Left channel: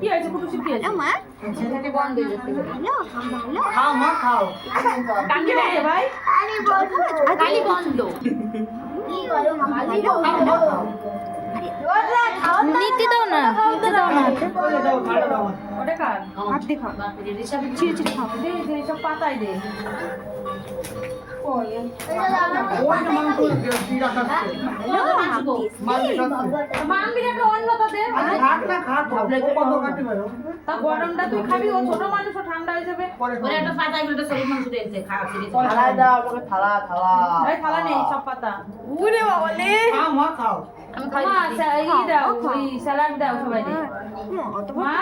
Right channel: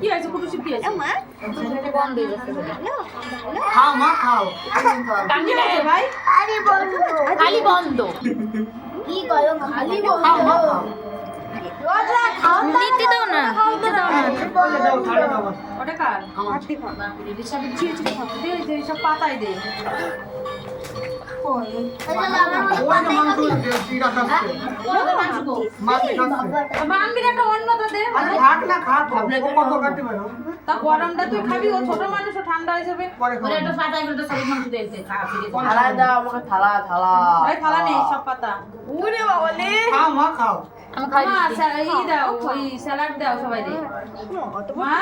কি হয়েছে কুটুসি কি হয়েছে মা বন্ধ হয়ে যাচ্ছে খাও মা খাও কি হয়েছে ভাই খালি বন্ধ কি করো খালি খাও মা খাও নিতে দাও না বলে দাও ঠান্ডা দাও ওটা কার হাত দেখো দে দে সব পাতায় দে ওই মাংস দেখি রাখা মাম্মির একটা অন্যতা দে ভাত না খা তো ও কত কাটতে পারো তা গরমটা তুই খাবি ও ছোট মানুষ ও ঠান্ডা হয়ে যাবে পরে একটা পাতায় একটা শরীর মাংস দিয়েছে থালায় দাও আমাকে থালা এই থালা নেই সব পাতা খাও মা খাও মা ই দাও ওই স্যালাড দাও সবাই দে মা